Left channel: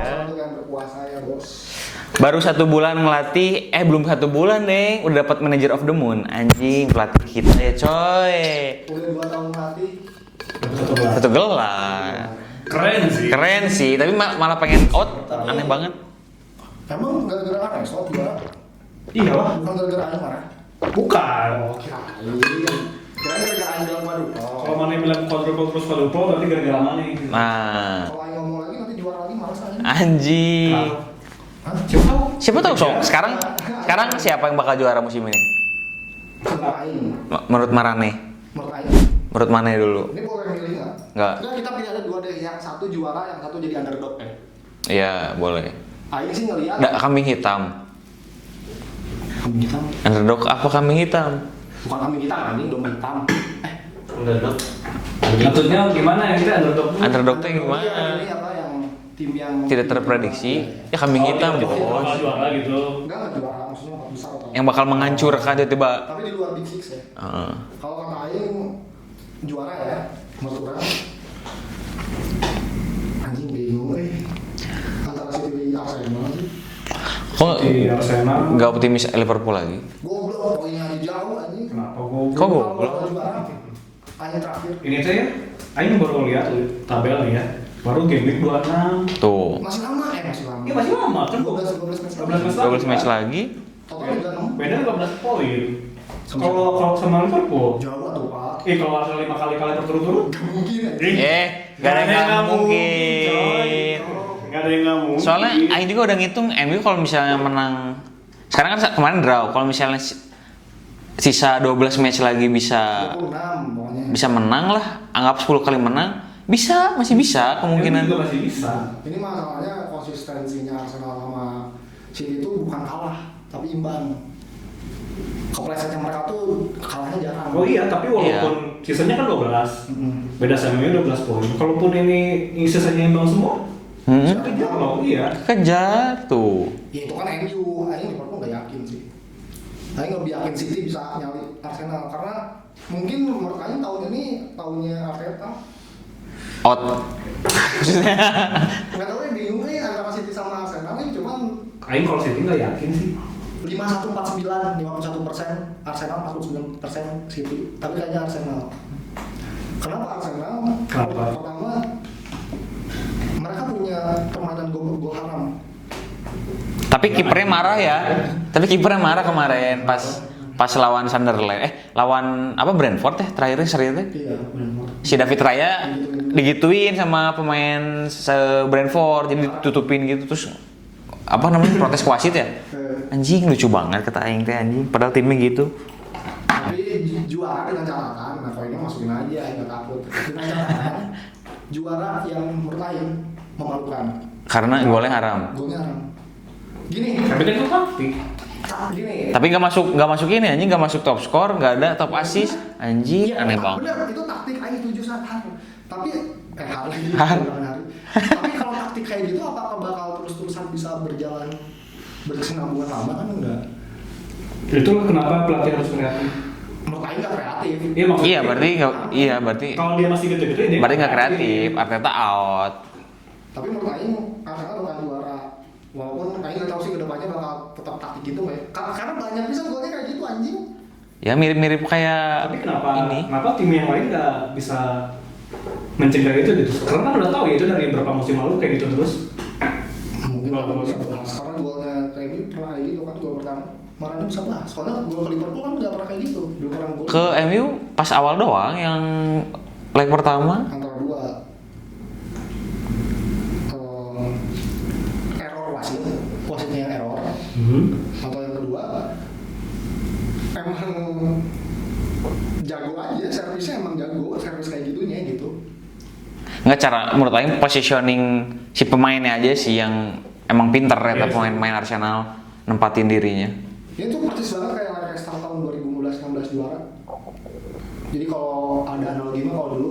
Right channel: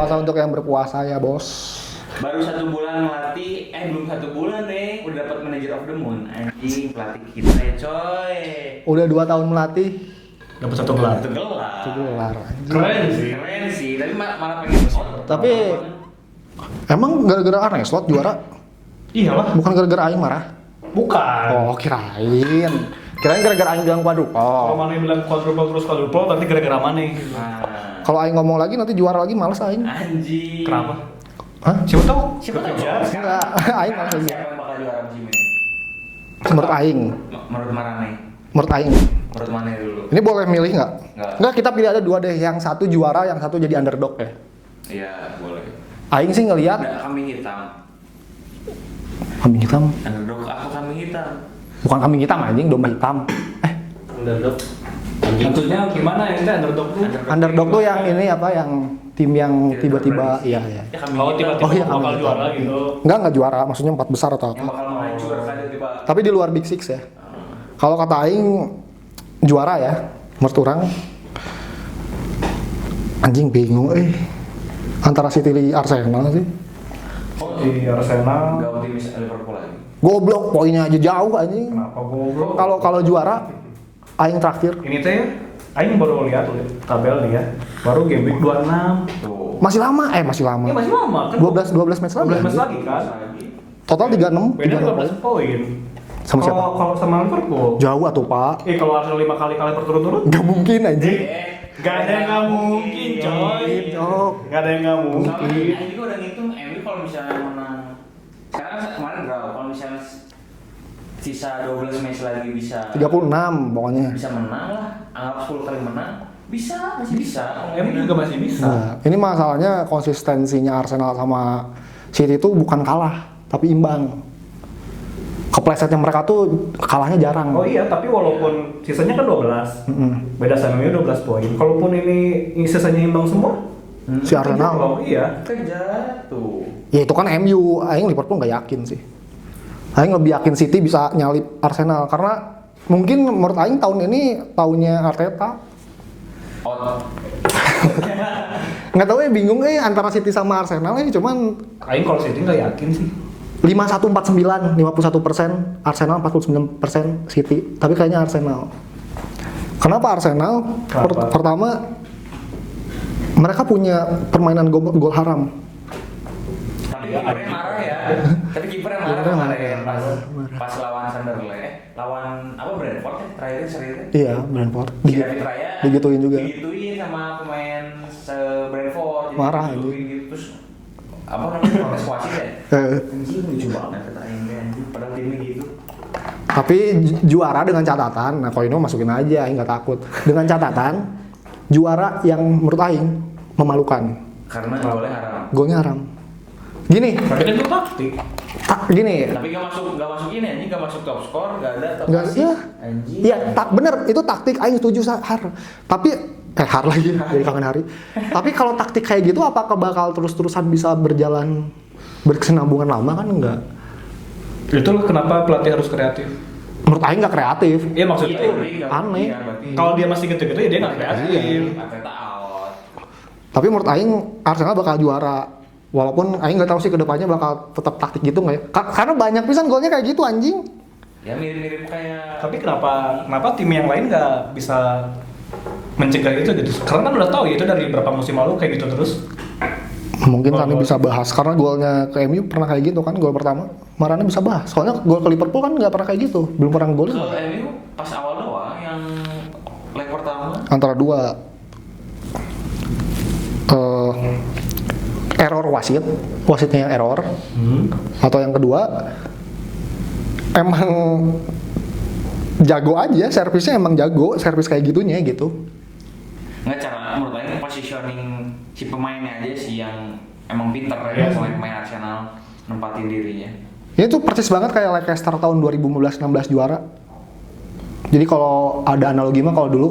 Berpuasa untuk yang berpuasa ya bos. Baru 1 bulan ngelatih, belum 1 bulan deh, udah dapat Manager of the Moon. Anjing, pelatih kita ya coy. Udah 2 tahun melatih. Dapat 1 gelar. 1 gelar. Keren sih. Tapi malah pengen out. Tapi aneh banget. Emang gara-gara aneh slot juara? Iyalah. Bukan gara-gara aing marah? Bukan. Oh kirain gara-gara aing bilang Kalau mana yang bilang quadruple berarti gara-gara mana? Nah, Kalau aing ngomong lagi nanti juara lagi males aing. anjing. Kenapa? Hah? Siapa tahu Sob? Ya, Sekarang aing. siapa yang bakal juara musim ini? Menurut aing. Menurut Marane. Menurut aing. Menurut Mane dulu. Ini boleh milih nggak? Nggak. Nggak, kita pilih ada 2 deh. Yang satu juara, yang satu jadi underdog ya. Iya, boleh. Aing sih ngelihat Nggak, kambing hitam. kambing hitam. Underdog apa kambing hitam? Bukan kambing hitam anjing, domba hitam. Underdog. Maksudnya gimana yang kita underdog tuh? Underdog tuh yang ini apa yang tim yang tidak tiba-tiba terprediksi. iya, iya. Ya kambing hitam. tiba-tiba bakal juara gitu. Enggak juara, maksudnya 4 besar atau apa. Yang bakal menghancurkan tiba-tiba. Tapi di luar Big Six ya. Heeh. Kalau kata aing juara ya, menurut orang anjing bingung antara City di Arsenal sih. Kok Di Arsenal. nggak optimis Liverpool lagi? Goblok poinnya aja jauh anjing. Kenapa gue? Kalau juara aing terakhir Ini teh, aing baru lihat tabel nih ya. Baru game week 26. Tuh. masih lama. Masih lama. Ya masih lama kan. 12 match lagi. 12 match 12 match lagi. Total 36. Beda 15 poin. Sama siapa? Kalau sama Liverpool. Jauh atuh, Pak. Kalau Arsenal 5 kali kalah berturut-turut. Enggak mungkin anjing. Gak ada yang nggak mungkin, coy. Gak ada yang nggak mungkin. Soalnya Aing juga udah ngitung MU kalau misalnya menang. Sekarang kan kemarin draw. Kalau misalnya sisa 12 match lagi bisa 36 pokoknya. bisa menang lah. Anggap 10 kali menang. Masih bisa kemungkinan. juga masih bisa. Nah, ini masalahnya konsistensinya Arsenal sama City itu bukan kalah, tapi imbang. Keplesetnya mereka tuh kalahnya jarang. Oh iya, tapi walaupun sisanya kan 12. Beda sama ini 12 poin. Kalaupun ini sisanya imbang semua, Si Arsenal. oh iya. Kejar tuh. Ya itu kan MU, aing Liverpool nggak yakin sih. Aing lebih yakin City bisa nyalip Arsenal karena mungkin menurut aing tahun ini tahunnya Arteta. Out. Nggak tahu bingung antara City sama Arsenal cuman Aing kalau City nggak yakin sih. 51-49, 51%, Arsenal 49% City, tapi kayaknya Arsenal. Kenapa Arsenal? Kenapa? Pertama, mereka punya permainan gol haram. Tapi kipernya marah ya. Tapi kipernya marah kemarin pas lawan Sunderland. Lawan apa Brentford terakhirnya seriusnya. Iya, Brentford. Si David Raya Digituin juga. digituin sama pemain Brentford, jadi Marah. ditutupin gitu terus apa namanya protes ke wasit ya? Eh, Anjing lucu banget kata aing teh anjing. Padahal timnya gitu. Tapi juara dengan catatan, nah Koino masukin aja, aing nggak takut. Dengan catatan, juara yang menurut aing memalukan. Karena golnya haram. Golnya haram. Gini, Tapi kan itu taktik. gini. Tapi nggak masuk ini anjing, nggak masuk top skor, nggak ada top Nggak assist. ada. Anjing. Iya, aneh banget. bener itu taktik aing setuju har. Tapi har lagi jadi kangen hari. Tapi kalau taktik kayak gitu apakah bakal terus-terusan bisa berjalan berkesinambungan lama kan enggak? Itu kenapa pelatih harus kreatif? Menurut aing nggak kreatif. Iya maksudnya. Iya berarti nggak. aneh. Iya berarti. Kalau dia masih gede-gede dia Berarti nggak kreatif. Arteta out. Tapi menurut aing Arsenal bakal juara. Walaupun aing nggak tahu sih kedepannya bakal tetap taktik gitu nggak ya? Karena banyak pisan golnya kayak gitu anjing. Ya mirip-mirip kayak. Tapi kenapa ini. tim yang lain nggak bisa mencegah itu gitu? Karena kan udah tahu ya itu dari beberapa musim lalu kayak gitu terus. Mungkin kami bisa bahas karena golnya ke MU pernah kayak gitu kan gol pertama. Marane bisa bahas. Soalnya gol ke Liverpool kan nggak pernah kayak gitu. Belum pernah gol. Ke MU pas awal doang yang leg pertama. Antara dua error wasitnya yang error, atau yang kedua emang jago aja, servisnya emang jago, servis kayak gitunya gitu. Nggak cara menurut Aing positioning si pemainnya aja sih yang emang pinter ya pemain Arsenal nempatin dirinya. Ini tuh persis banget kayak Leicester tahun 2015-16 juara. Jadi kalau ada analogi mah kalau dulu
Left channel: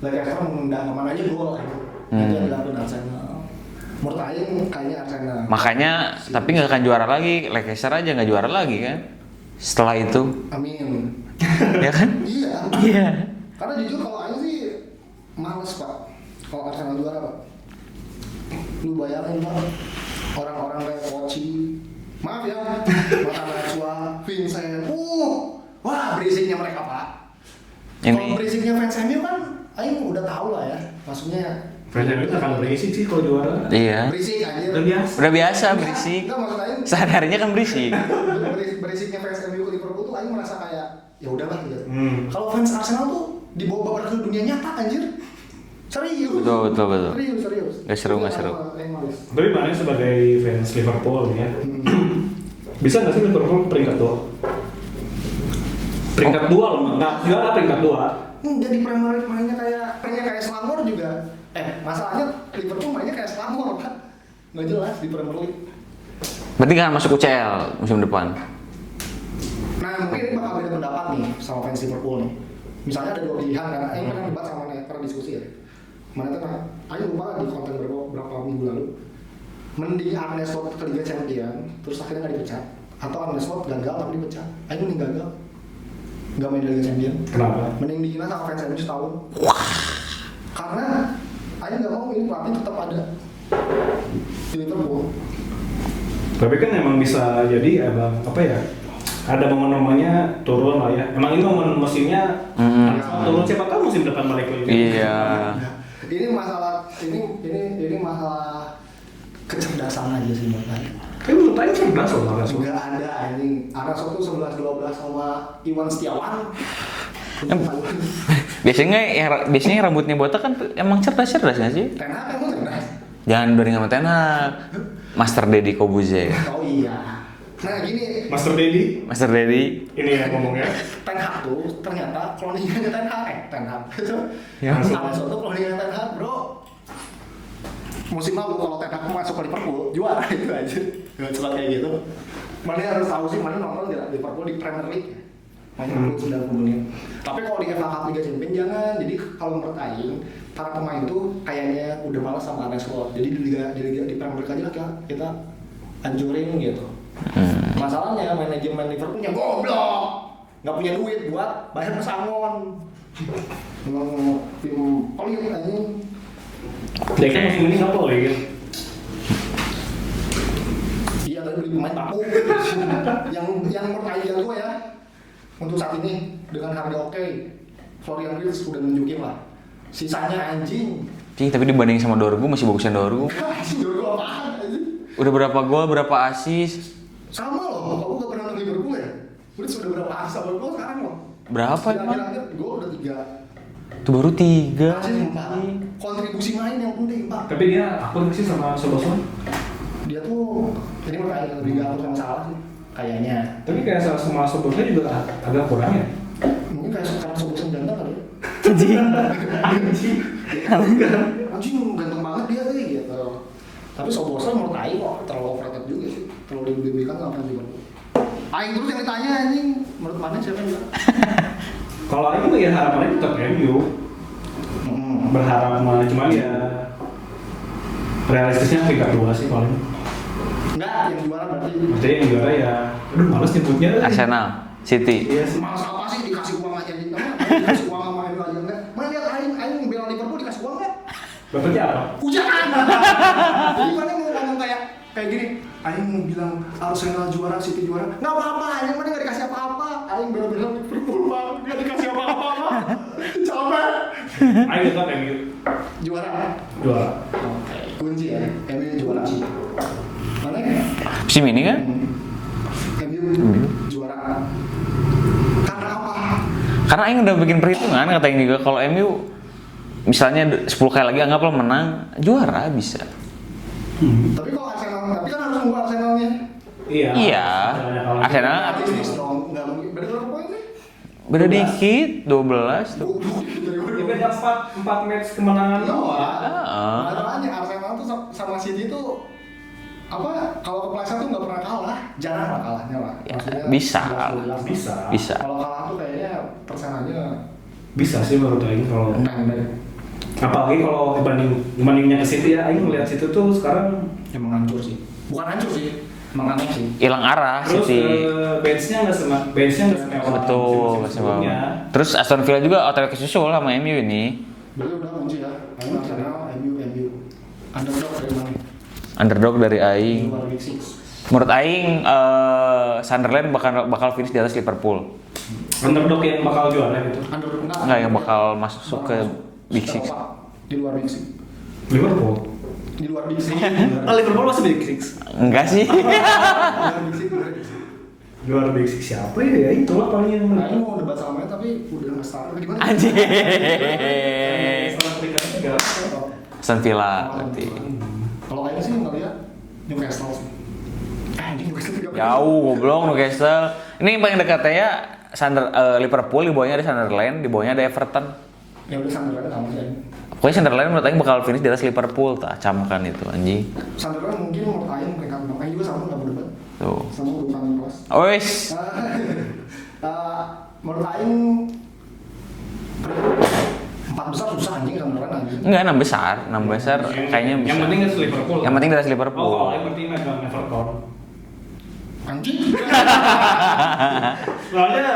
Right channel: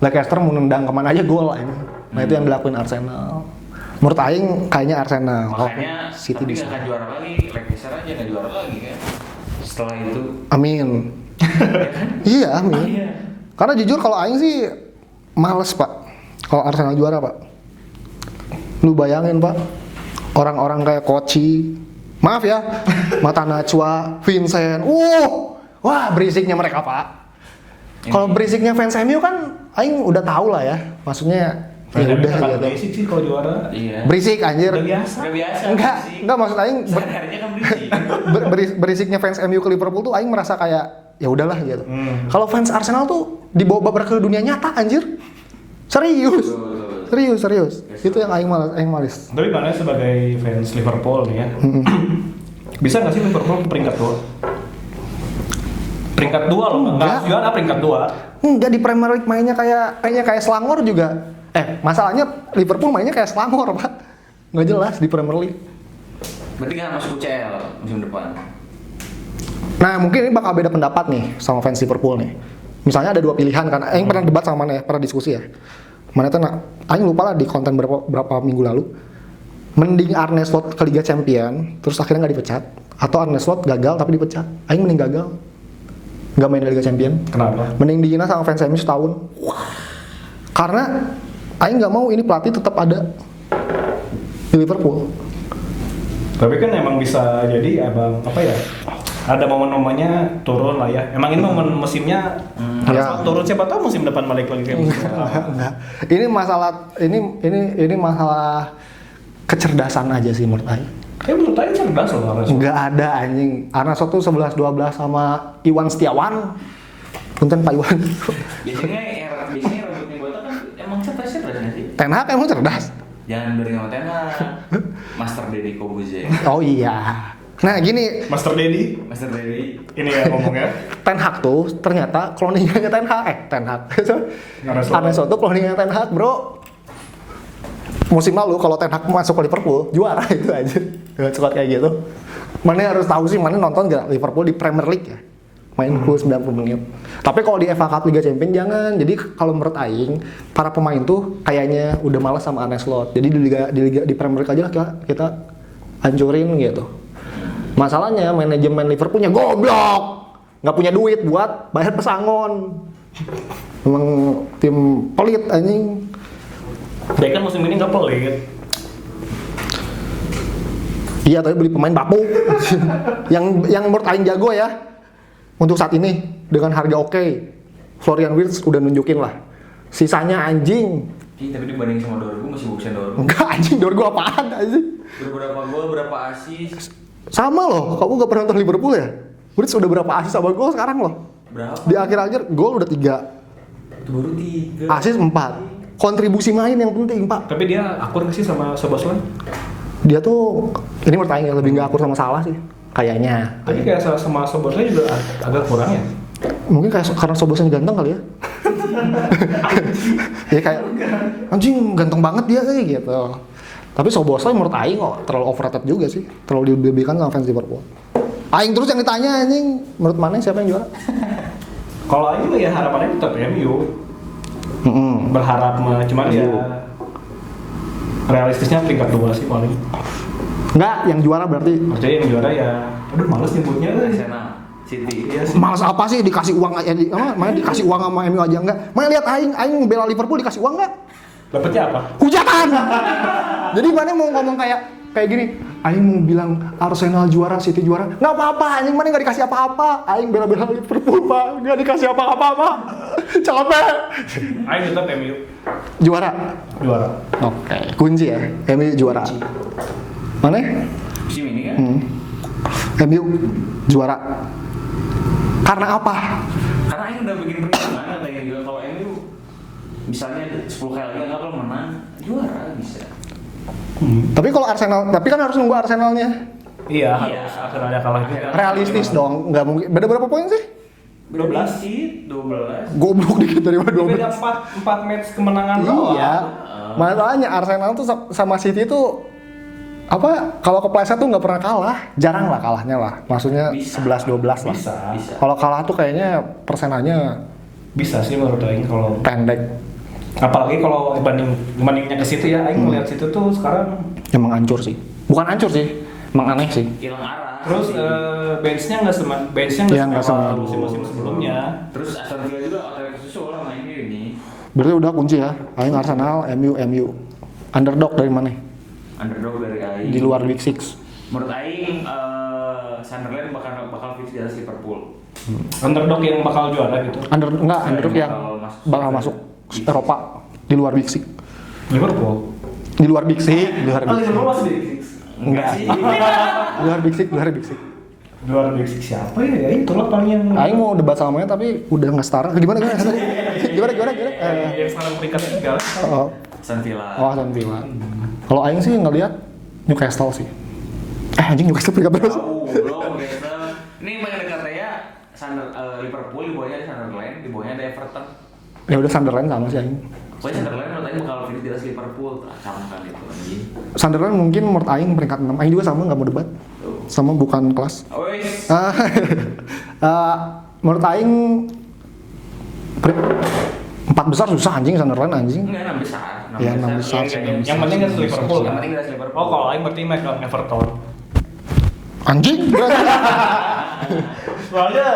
Leicester mau nendang kemana aja gol. Nah itu yang dilakuin Arsenal. Menurut Aing kayaknya Arsenal. Makanya City tapi nggak akan juara lagi, Leicester aja nggak juara lagi kan. Setelah itu, Amin. ya kan? Iya, amin. Karena jujur kalau Aing sih males pak. Kalau Arsenal juara pak. Lu bayangin Pak, orang-orang kayak Koci, maaf ya, Mata Najwa, Vincent, wah berisiknya mereka Pak. Kalau berisiknya fans MU kan, aing udah tahu lah ya, maksudnya. Fans Ya MU udah, kan gitu. berisik sih kalau juara. Iya. Berisik anjir. Udah biasa. Udah biasa berisik. Enggak maksud aing Sehari-harinya kan berisik. berisiknya fans MU ke Liverpool tuh aing merasa kayak ya udahlah gitu. Kalau fans Arsenal tuh dibawa ke dunia nyata anjir. Serius. Betul. Serius. Gak seru, Itu yang gak seru. aing males. Tapi mana sebagai fans Liverpool nih ya, bisa nggak sih Liverpool ke peringkat 2? Peringkat 2 loh, nggak juara peringkat 2. Enggak, di Premier League mainnya kayaknya kayak Selangor juga. Masalahnya Liverpool mainnya kayak Selangor, Pak. Nggak jelas di Premier League. Berarti nggak masuk UCL musim depan. Nah, mungkin ini bakal beda pendapat nih sama fans Liverpool nih. Misalnya ada dua pilihan kan. Aing pernah debat sama mana ya, pernah diskusi ya. Mana tuh aing lupa lah di konten berapa minggu lalu. Mending Arne Slot ke Liga Champion, terus akhirnya nggak dipecat, atau Arne Slot gagal tapi dipecat. Aing mending gagal. Nggak main di Liga Champion. Kenapa? Mending dihina sama fans MU setahun. Karena aing nggak mau ini pelatih tetap ada di Liverpool. Tapi kan emang bisa jadi abang apa ya? Ada momen-momennya turun lah ya. Emang ini momen musimnya Ya. turun, siapa tahu musim depan balik lagi. Iya. Ini masalah kecerdasan aja sih menurut aing. Tapi menurut saya cerdas loh Arne Slot. Nggak ada anjing. Arne Slot tuh 11-12 sama Iwan Setiawan. Untung Pak Iwan. Biasanya rambutnya botak kan emang cerdas-cerdas nggak sih? Ten Hag emang cerdas. Jangan doring sama Ten Hag. Master Deddy Kobuze. Oh iya. Nah gini, Master Dedi, Master Deddy. ini ya ngomongnya. Ten Hag tuh ternyata cloningnya Ten Hag. Ten Hag. Arne Slot. Arne Slot tuh cloningnya Ten Hag, bro. Musim lalu kalau Ten Hag masuk ke Liverpool, juara itu aja. Dengan cepat kayak gitu. Mana harus tahu sih, mana nonton nggak Liverpool di Premier League ya? Main full 90 menit. Tapi kalau di FA Cup Liga Champions jangan. Jadi kalau menurut aing, para pemain tuh kayaknya udah malas sama Arne Slot. Jadi di Premier League aja kita hancurin gitu. Masalahnya manajemen Liverpoolnya goblok. Nggak punya duit buat bayar pesangon. Emang tim pelit anjing. Dia kan musim ini nggak pelit. Iya, tapi beli pemain bapuk. yang menurut aing jago ya. Untuk saat ini dengan harga oke. Florian Wirtz udah nunjukin lah. Sisanya anjing. Tapi dibanding sama Dorgu masih bagusan Dorgu. Enggak anjing, Dorgo apaan anjing? Udah berapa gol, berapa assist? Sama loh, kamu gak pernah nonton Liverpool ya? Wirtz udah berapa assist sama gol sekarang loh? Berapa? Di akhir-akhir gol udah 3, Itu baru 3. assist 4. Kontribusi main yang penting, Pak. Tapi dia akur nggak sih sama Szoboszlai? Dia tuh, ini menurut aing lebih gak akur sama Salah sih. Kayaknya. Tapi kayak sama Szoboszlai juga agak kurang ya. Mungkin kayak karena Szoboszlai ganteng kali ya. Ya kayak anjing ganteng banget dia kayak gitu. Tapi Szoboszlai menurut aing kok terlalu overrated juga sih. Terlalu dibebekan sama fans Liverpool. Aing terus yang ditanya anjing, menurut mana siapa yang juara? Kalau Aing ya harapannya tetap MU. Berharap mah, cuman ya realistisnya peringkat 2 sih paling. Enggak, yang juara berarti. Maksudnya yang juara ya, aduh males nyebutnya. Arsenal, City. Iya sih. Males apa sih dikasih uang aja? Mana dikasih uang sama MU aja enggak? Mana lihat aing bela Liverpool dikasih uang enggak? Dapatnya apa? Hujatan. Jadi mana mau ngomong kayak gini, aing mau bilang Arsenal juara, City juara. Enggak apa-apa, aing mana enggak dikasih apa-apa. Aing bela-bela Liverpool, Pak. Enggak dikasih apa-apa. Capek. Aing tetap MU Juara. juara. Oke. Kunci ya, MU juara. Mana? Musim ini kan? MU juara. Karena apa? Karena Aing udah bikin perhitungan kata Aing juga kalau MU misalnya 10 kali lagi anggaplah menang, juara bisa. Tapi kalau Arsenal, tapi kan harus nunggu Arsenalnya. Iya. Iya. Ada kalau Arsenal Realistis dong, nggak mungkin. Beda berapa poin sih? beda 12. dikit, 12. Goblok dikit dari mana 12. beda 4 match kemenangan doang. Iya. Masalahnya Arsenal tuh sama City tuh apa? Kalau kepleset tuh nggak pernah kalah, jarang lah kalahnya lah. Maksudnya Bisa. 11-12 lah. Bisa. Bisa. Kalau kalah tuh kayaknya persenannya Bisa sih menurut Aing kalau pendek. apalagi kalau bandingnya ke situ ya, Aing melihat situ tuh sekarang Emang hancur sih. Bukan hancur sih, emang aneh sih. Hilang arah terus City. benchnya nggak Iya, nggak sama sama. musim-musim sebelumnya. Terus Aston Villa juga OTW kesusul sama MU ini. Berarti udah kunci ya. Aing Arsenal, MU. Underdog dari mana? Underdog dari di Aing. luar Big Six. Menurut Aing Sunderland bakal finish di atas Liverpool. Underdog yang bakal juara gitu. Nggak, yang underdog bakal masuk ke Big Six. Eropa di luar Big Six. Liverpool. Di luar Big Six. Di luar Big Six. Liverpool masih Big Six. Enggak sih. Di luar Big Six, di luar Big Six. Juara Big Six siapa ya? Ya itulah paling yang. Aing mau debat sama dia tapi udah nggak setara. Gimana? Gimana? Yang salah peringkat 3. Oh, Aston Villa. Aston Villa. Kalau Aing sih ngelihat Newcastle sih. Anjing Newcastle peringkat berapa? Jauh, belum Newcastle. Ini yang paling dekat ya Liverpool, di bawahnya ada Sunderland, di bawahnya ada Everton. Ya udah Sunderland sama sih Aing. Pokoknya Sunderland menurut Aing bakal finish di atas Liverpool, tak camkan itu anjing. Sunderland mungkin menurut Aing peringkat 6. Aing juga sama, nggak mau debat. Tuh. Sama bukan kelas. Ois. Menurut Aing 4 besar susah anjing Sunderland anjing. Enggak, 6 besar. 6 Ya, besar 6 besar. kayaknya bisa. Yang penting kan Liverpool. Yang penting di atas Liverpool. Oh, kalau lain berarti Michael Everton. Anjing? Soalnya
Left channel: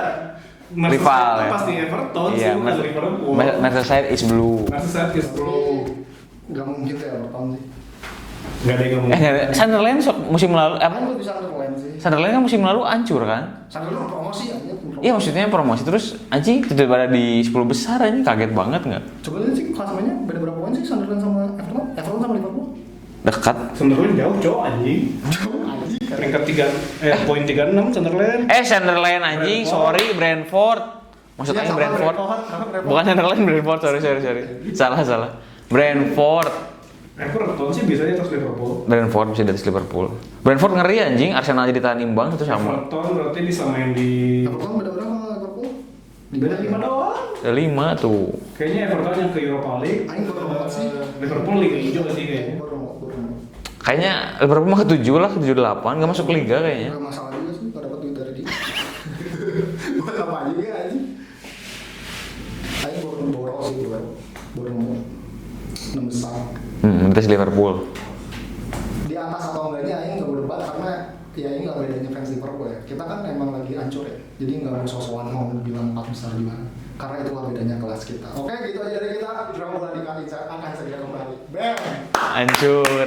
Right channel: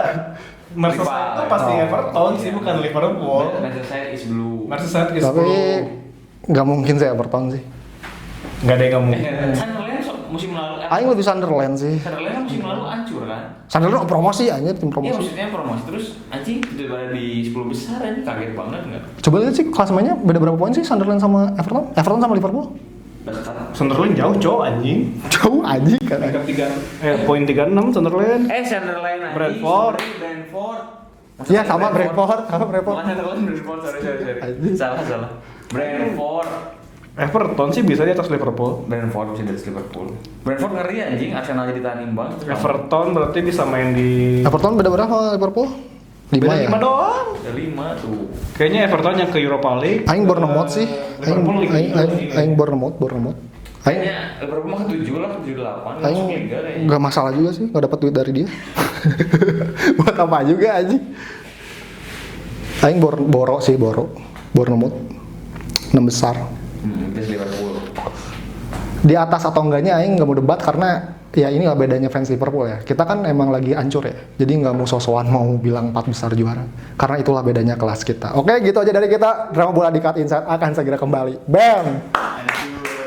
Merseyside Rival, itu ya. pasti Everton sih, Iya, bukan Liverpool. Merseyside is blue. Merseyside is Tapi blue. nggak mungkin sih Everton sih. Nggak ada yang ngomong. Sunderland musim lalu Aing lebih Sunderland sih. Sunderland kan musim lalu hancur kan? Sunderland promosi anjir tim promosi. Iya maksudnya promosi terus anjing tidak pada di 10 besar anjing kaget banget nggak? Coba lihat sih klasemennya beda berapa poin sih Sunderland sama Everton? Everton sama Liverpool? Dekat. Sunderland jauh cowok anjing. Jauh anjing kan. Peringkat 3 poin 36 Sunderland. Sunderland anjing, Brentford. sorry Brentford. Iya sama Brentford. Bukan Sunderland, Brentford, sorry. Salah. Brentford. Everton sih bisa di atas Liverpool. Brentford bisa dari Liverpool. Brentford ngeri anjing, Arsenal jadi tahan imbang itu sama. Everton berarti bisa main di Everton beda berapa sama Liverpool? 5 ya. 5 doang. Ada 5 tuh. Kayaknya Everton yang ke Europa League. Aing Bournemouth sih. Liverpool Liga Inggris. Aing Bournemouth. Kayaknya Liverpool mah ke-7 lah, ke-7-8 nggak masuk liga kayaknya. Gak masalah juga sih, gak dapat duit dari dia. Buat apa juga anjing. Aing Bournemouth 6 besar. Atas Liverpool. Di atas atau enggaknya Aing nggak mau debat karena ya inilah bedanya fans Liverpool ya. Kita kan emang lagi hancur ya. Jadi nggak mau sosokan mau bilang 4 besar juara. Karena itulah bedanya kelas kita. Oke, gitu aja dari kita. Drama Bola di Cut Inside akan segera kembali. Bam! Hancur.